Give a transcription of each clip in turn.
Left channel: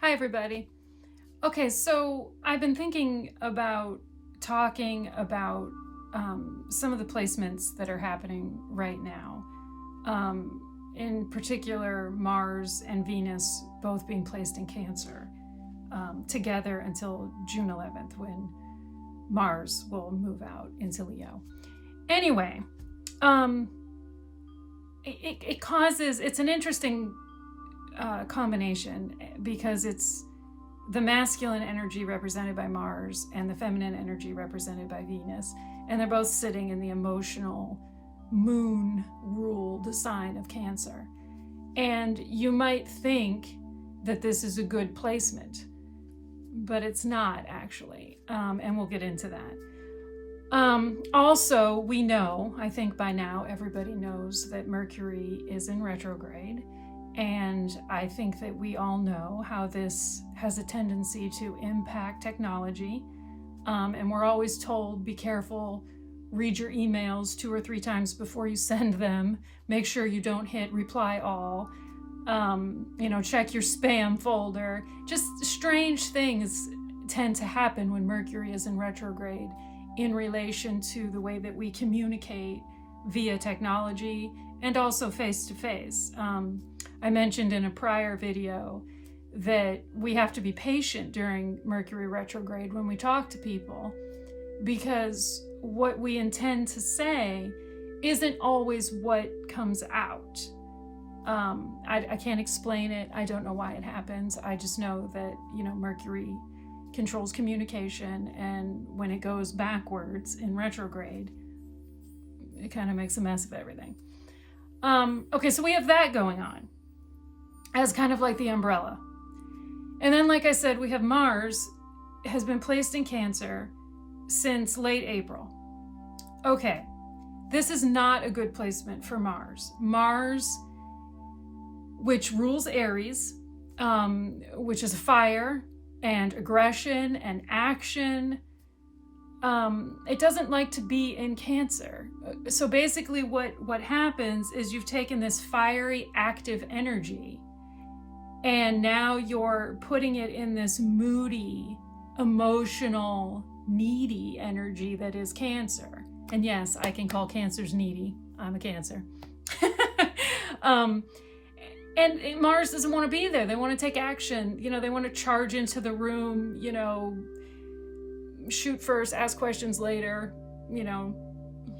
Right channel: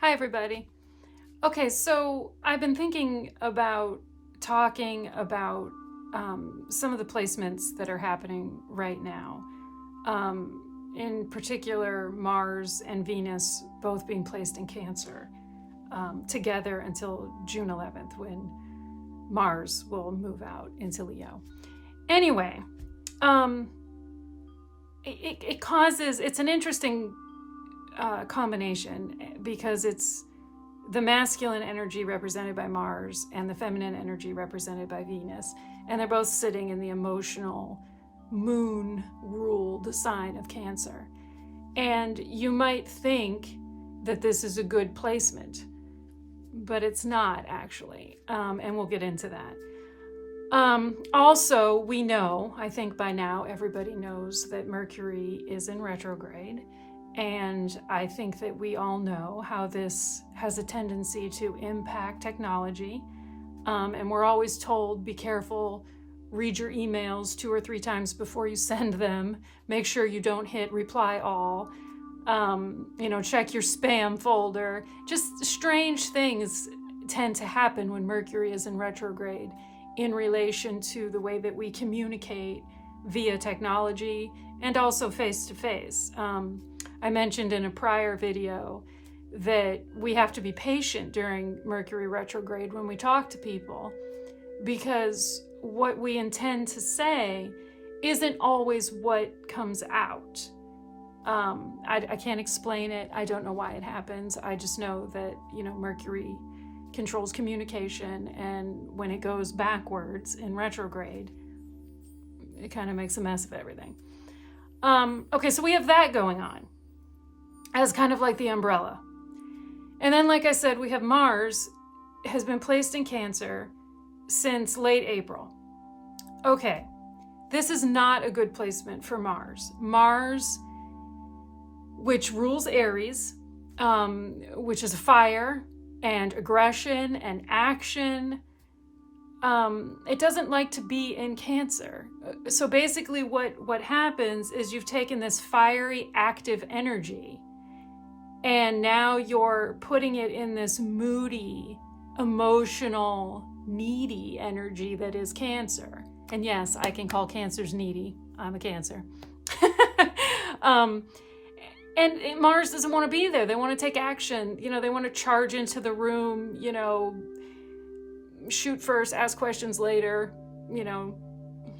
Hi, everybody. Okay, so I've been thinking about talking about some of the placements that are happening right now. In particular, Mars and Venus both being placed in Cancer together until June 11th, when Mars will move out into Leo. Anyway, it's an interesting combination because it's the masculine energy represented by Mars and the feminine energy represented by Venus. And they're both sitting in the emotional moon-ruled sign of Cancer. And you might think that this is a good placement, but it's not actually. And we'll get into that. Also, we know, I think by now, everybody knows that Mercury is in retrograde. And I think that we all know how this has a tendency to impact technology. And we're always told, be careful, read your emails 2 or 3 times before you send them. Make sure you don't hit reply all. Check your spam folder. Just strange things tend to happen when Mercury is in retrograde in relation to the way that we communicate via technology and also face-to-face. I mentioned in a prior video that we have to be patient during Mercury retrograde when we talk to people, because what we intend to say isn't always what comes out. I can't explain it. I don't know why it happens. I just know that, Mercury controls communication, and when it goes backwards in retrograde, it kind of makes a mess of everything. Okay, so we have that going on as kind of like the umbrella. And then, like I said, we have Mars has been placed in Cancer since late April. Okay, this is not a good placement for Mars. Mars, which rules Aries, which is fire and aggression and action, it doesn't like to be in Cancer. So basically what happens is you've taken this fiery, active energy, and now you're putting it in this moody, emotional, needy energy that is Cancer. And yes, I can call Cancers needy. I'm a Cancer. And Mars doesn't want to be there. They want to take action. They want to charge into the room, shoot first, ask questions later.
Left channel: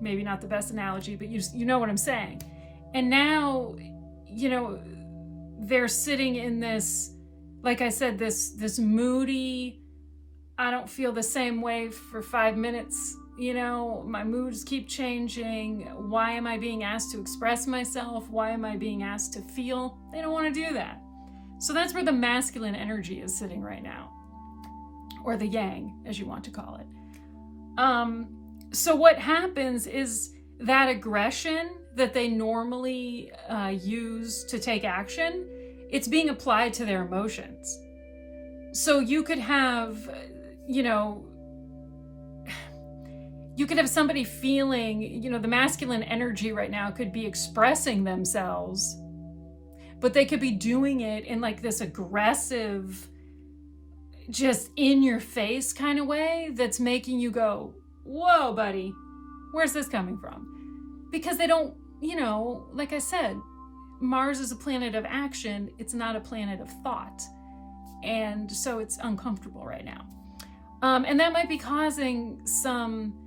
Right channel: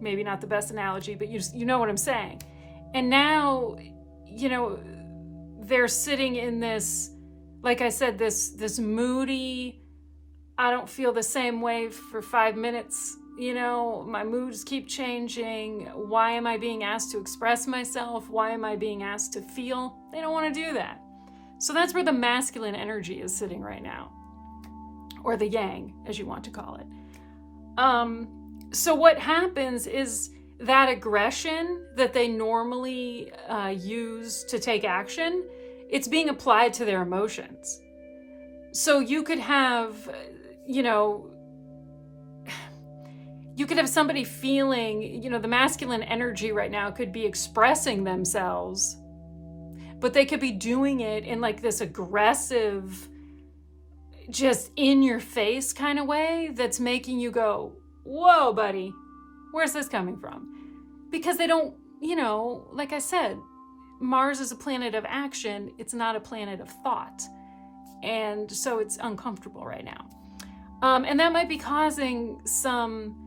Maybe not the best analogy, but you know what I'm saying. And now, they're sitting in this, like I said, this moody, I don't feel the same way for 5 minutes. My moods keep changing. Why am I being asked to express myself? Why am I being asked to feel? They don't want to do that. So that's where the masculine energy is sitting right now, or the yang, as you want to call it. So what happens is that aggression that they normally use to take action, it's being applied to their emotions. So you could have, somebody feeling, the masculine energy right now could be expressing themselves, but they could be doing it in like this aggressive, just in your face kind of way that's making you go, whoa, buddy, where's this coming from? Because they don't, like I said, Mars is a planet of action. It's not a planet of thought. And so it's uncomfortable right now. And that might be causing some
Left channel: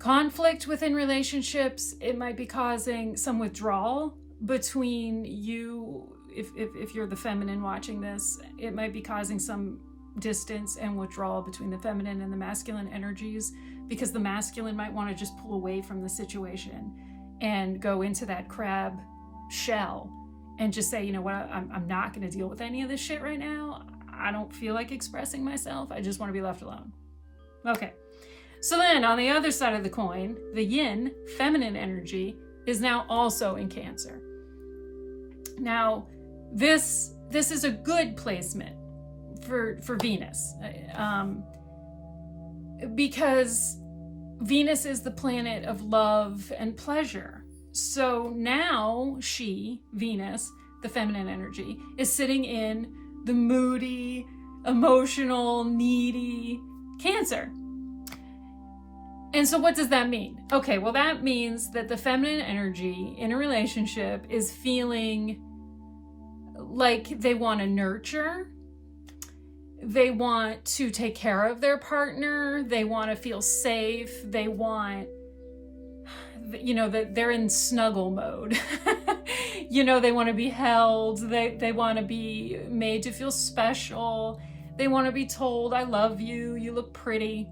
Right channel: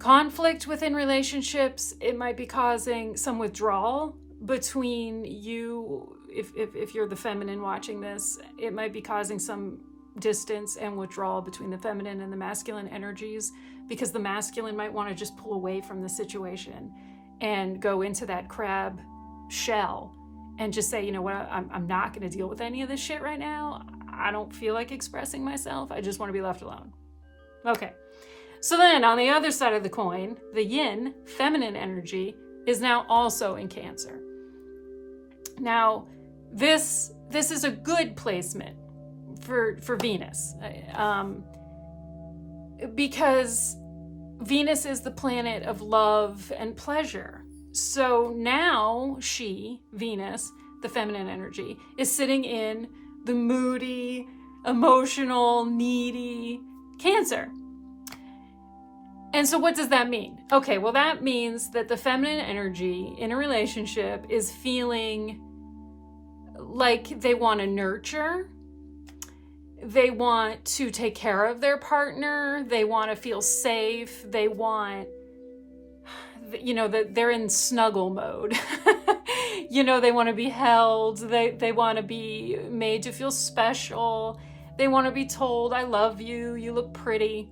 conflict within relationships. It might be causing some withdrawal between you. If you're the feminine watching this, it might be causing some distance and withdrawal between the feminine and the masculine energies, because the masculine might want to just pull away from the situation and go into that crab shell and just say, you know what, I'm not going to deal with any of this shit right now. I don't feel like expressing myself. I just want to be left alone. Okay. So then on the other side of the coin, the yin, feminine energy, is now also in Cancer. Now, this is a good placement for Venus, because Venus is the planet of love and pleasure. So now Venus, the feminine energy, is sitting in the moody, emotional, needy Cancer. And so what does that mean? Okay, well, that means that the feminine energy in a relationship is feeling like they want to nurture. They want to take care of their partner. They want to feel safe. They want, that they're in snuggle mode. They want to be held. They want to be made to feel special. They want to be told, I love you. You look pretty,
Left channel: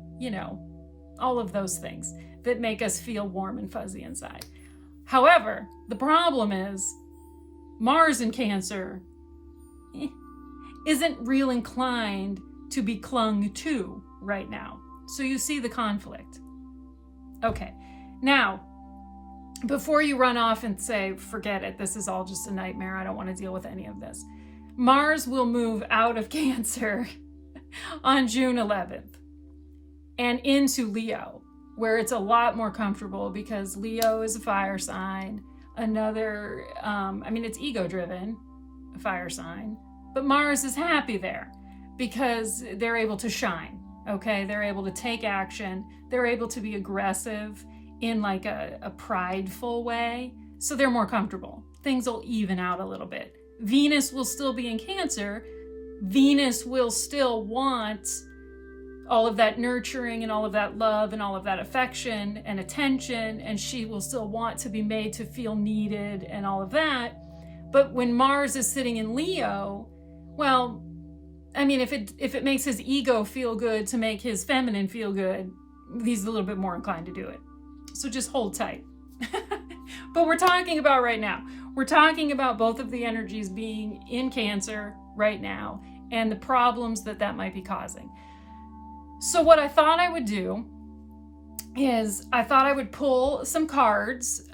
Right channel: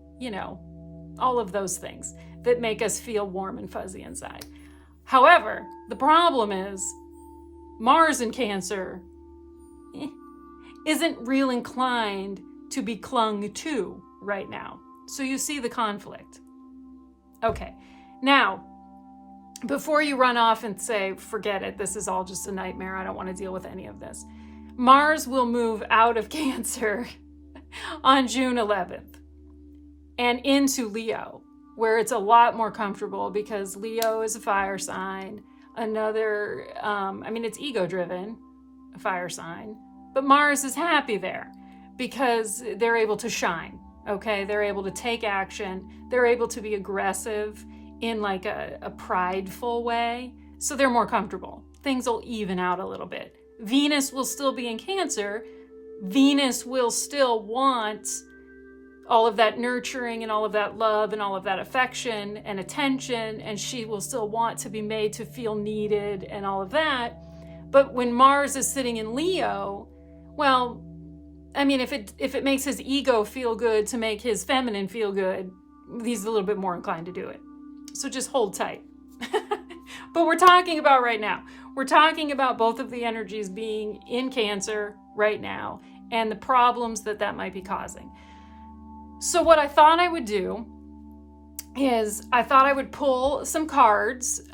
all of those things that make us feel warm and fuzzy inside. However, the problem is Mars in Cancer isn't real inclined to be clung to right now. So you see the conflict. Okay, now, before you run off and say, forget it, this is all just a nightmare, I don't want to deal with any of this. Mars will move out of Cancer on June 11th and into Leo, where it's a lot more comfortable because Leo is a fire sign. It's ego-driven, a fire sign, but Mars is happy there because they're able to shine, okay? They're able to take action. They're able to be aggressive in like a prideful way, so they're more comfortable. Things will even out a little bit. Venus will still be in Cancer. Venus will still want all of that nurturing and all of that love and all of that affection and attention, and she will still want to be made to feel needed and all of that. But when Mars is sitting in Leo, well, if it makes his ego feel good to make his feminine feel good, he's a little bit more inclined to do it. So just hold tight. But we're talking about right now. We're talking about both of the energies being in Cancer right now and the problems that might be causing. So what I thought I would do is I thought I would pull some cards.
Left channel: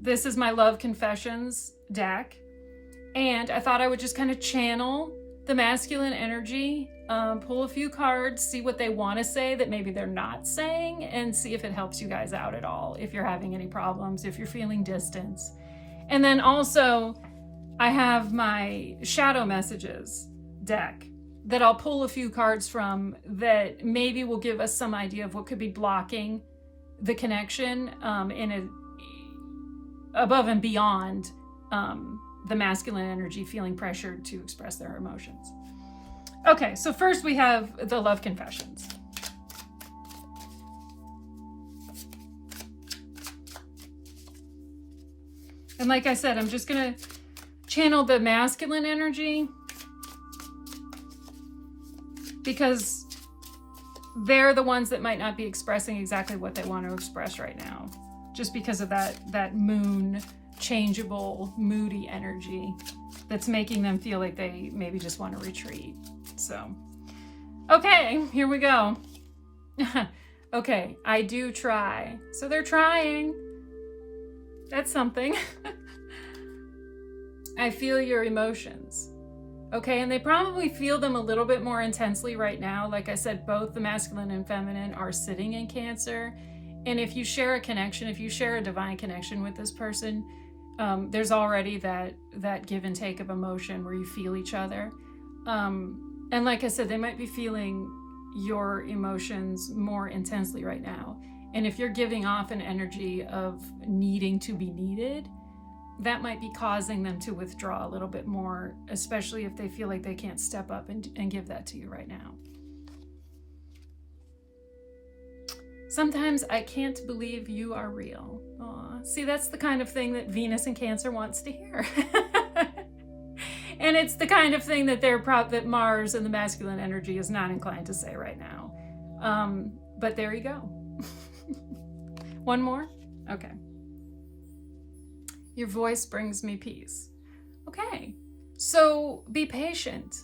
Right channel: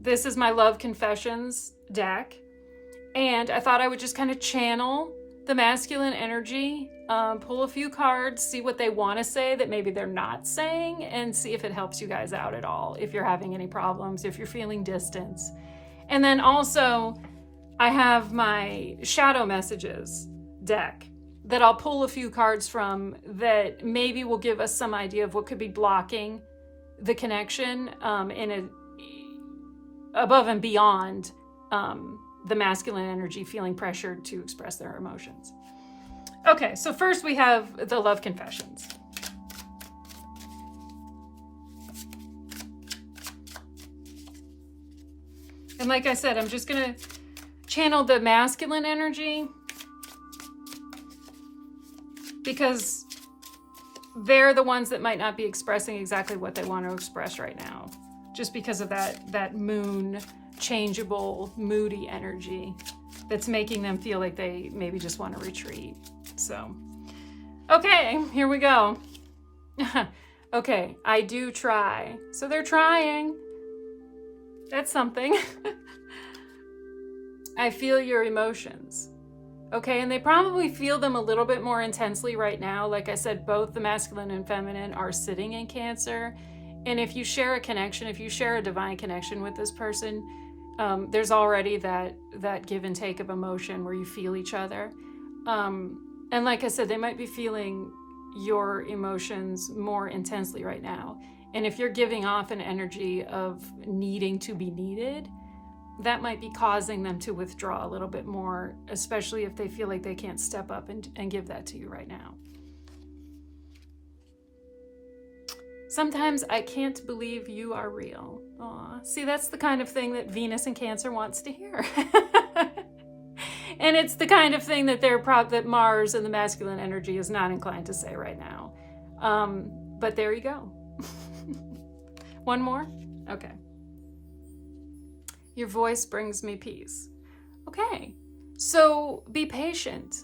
This is my Love Confessions deck. And I thought I would just kind of channel the masculine energy, pull a few cards, see what they want to say that maybe they're not saying, and see if it helps you guys out at all, if you're having any problems, if you're feeling distance. And then also, I have my Shadow Messages deck that I'll pull a few cards from that maybe will give us some idea of what could be blocking the connection above and beyond the masculine energy feeling pressured to express their emotions. Okay, so first we have the Love Confessions. And like I said, I'm just going to channel the masculine energy because they're the ones that might not be expressing exactly what they want to express right now, just because of that moon changeable, moody energy that's making them feel like they maybe just want to retreat. So, okay, here we go. Okay, I do try. So they're trying. That's something. I feel your emotions. Okay, and they probably feel them a little bit more intensely right now. Like I said, both the masculine and feminine are sitting in Cancer. And if you share a connection, if you share a divine connection with this person, there's already that give and take of emotion where you feel each other. And like I said, they might be feeling your emotions more intensely right now. And if you're giving off an energy of needing to be needed, that might be causing them to withdraw a little bit more, especially if they feel like they can't step up and give that to you right now. Sometimes I can't believe you are real. Aw, see, that's the kind of thing that Venus in Cancer wants to hear. And it's the kind of thing that Mars and the masculine energy is not inclined to say right now. But there you go. One more? Okay. Your voice brings me peace. Okay, so be patient.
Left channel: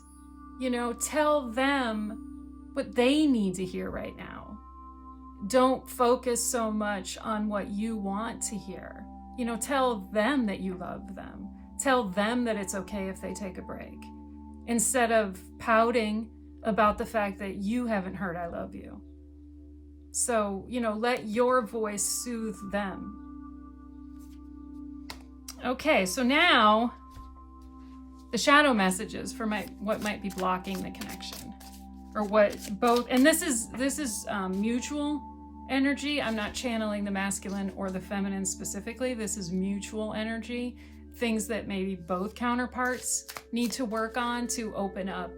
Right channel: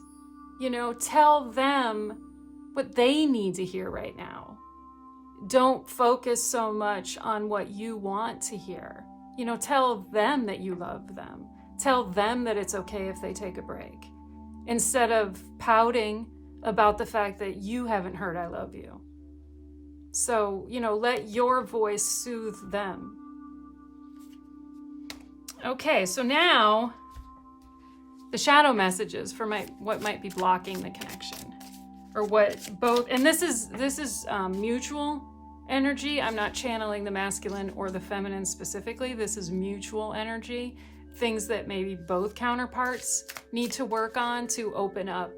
Tell them what they need to hear right now. Don't focus so much on what you want to hear. Tell them that you love them. Tell them that it's okay if they take a break. Instead of pouting about the fact that you haven't heard I love you. So, let your voice soothe them. Okay, so now the shadow messages for what might be blocking the connection, or what both, and this is mutual energy. I'm not channeling the masculine or the feminine specifically. This is mutual energy, things that maybe both counterparts need to work on to open up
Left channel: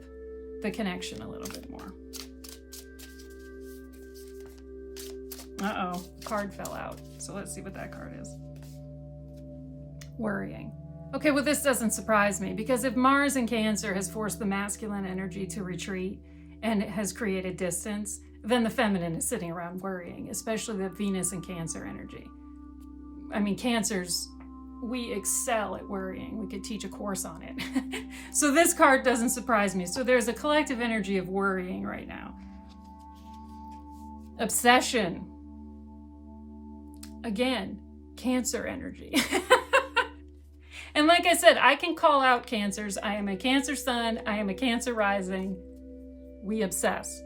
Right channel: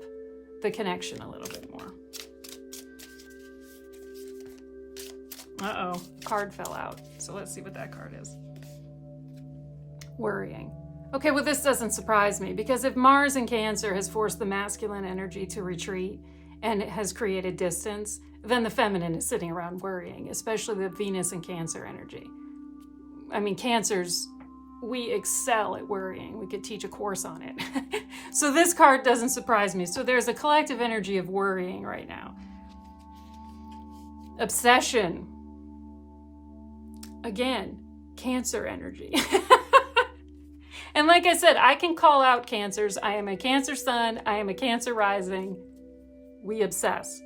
the connection a little bit more. Uh-oh, card fell out. So let's see what that card is. Worrying. Okay, well, this doesn't surprise me, because if Mars in Cancer has forced the masculine energy to retreat and it has created distance, then the feminine is sitting around worrying, especially the Venus in Cancer energy. I mean, Cancers, we excel at worrying. We could teach a course on it. So this card doesn't surprise me. So there's a collective energy of worrying right now. Obsession. Again, Cancer energy. And like I said, I can call out Cancers. I am a Cancer sun. I am a Cancer rising. We obsess.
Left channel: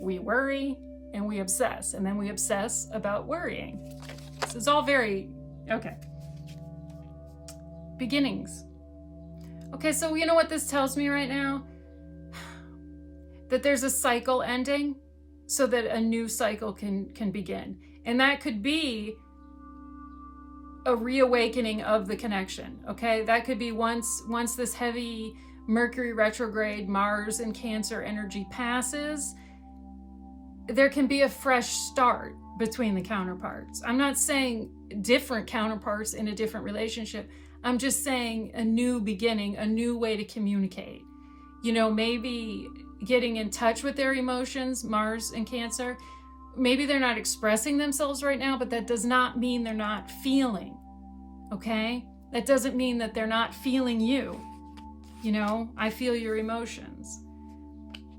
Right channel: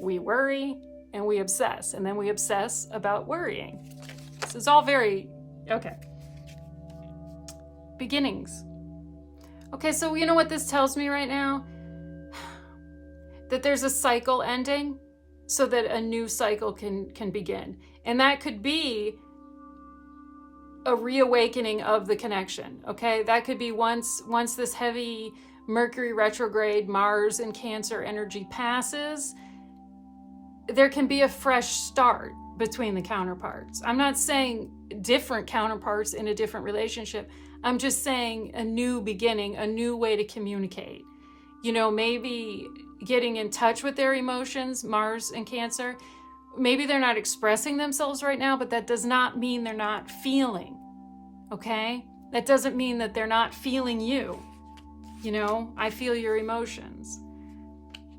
We worry and we obsess. And then we obsess about worrying. This is all very, okay. Beginnings. Okay, so you know what this tells me right now? That there's a cycle ending so that a new cycle can begin. And that could be a reawakening of the connection, okay? That could be once this heavy Mercury retrograde, Mars and Cancer energy passes, there can be a fresh start between the counterparts. I'm not saying different counterparts in a different relationship. I'm just saying a new beginning, a new way to communicate. You know, maybe getting in touch with their emotions, Mars and Cancer. Maybe they're not expressing themselves right now, but that does not mean they're not feeling, okay? That doesn't mean that they're not feeling you. You know, I feel your emotions.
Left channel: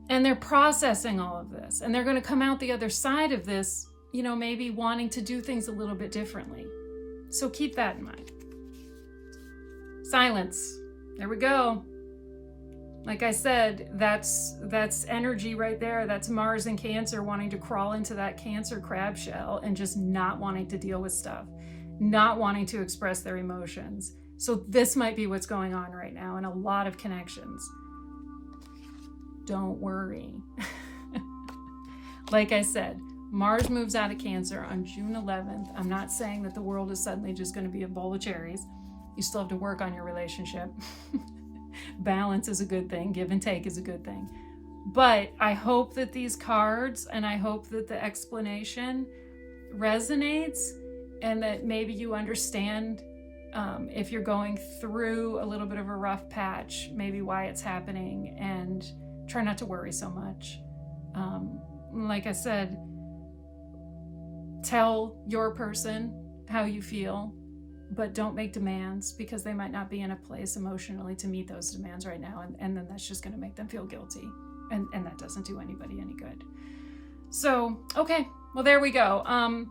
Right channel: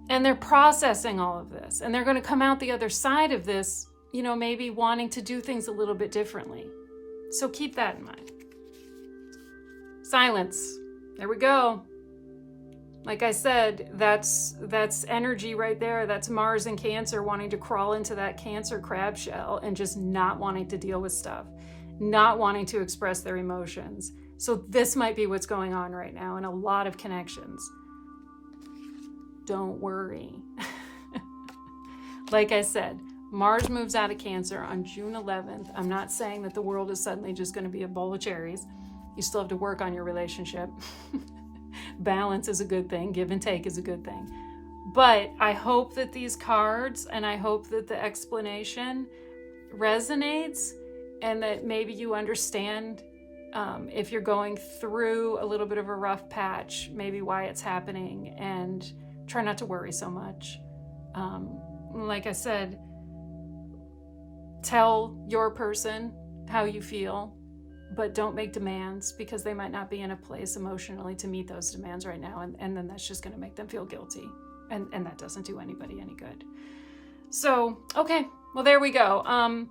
And they're processing all of this. And they're going to come out the other side of this, you know, maybe wanting to do things a little bit differently. So keep that in mind. Silence. There we go. Like I said, that's energy right there. That's Mars and Cancer wanting to crawl into that Cancer crab shell and just not wanting to deal with stuff, not wanting to express their emotions. So this might be what's going on right now in a lot of connections. Don't worry. Like I said, Mars moves out of Cancer on June 11th. I'm not saying that the world is suddenly just going to be a bowl of cherries. You still have to work on your relationship. Balance is a good thing. Give and take is a good thing. But I hope that these cards, and I hope that the explanation resonates, and that maybe you understand if you're going through a little bit of a rough patch, maybe why it's happening, and try not to worry so much. Like I said, tell your person how you feel, but don't make demands, because they might not be in a place emotionally to meet those demands right now. And then that's just going to make them feel guilty. And that doesn't do anybody any good. So, okay, well, there we go.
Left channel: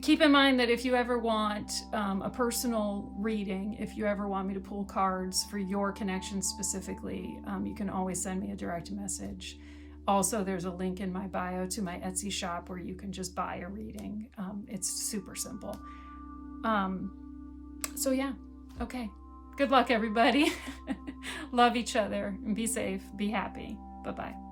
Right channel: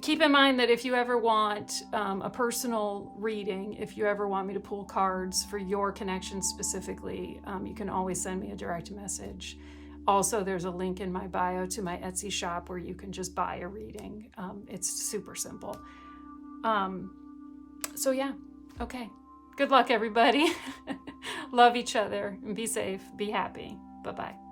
Keep in mind that if you ever want a personal reading, if you ever want me to pull cards for your connection specifically, you can always send me a direct message. Also, there's a link in my bio to my Etsy shop where you can just buy a reading. It's super simple. So yeah, okay. Good luck, everybody. Love each other and be safe, be happy. Bye-bye.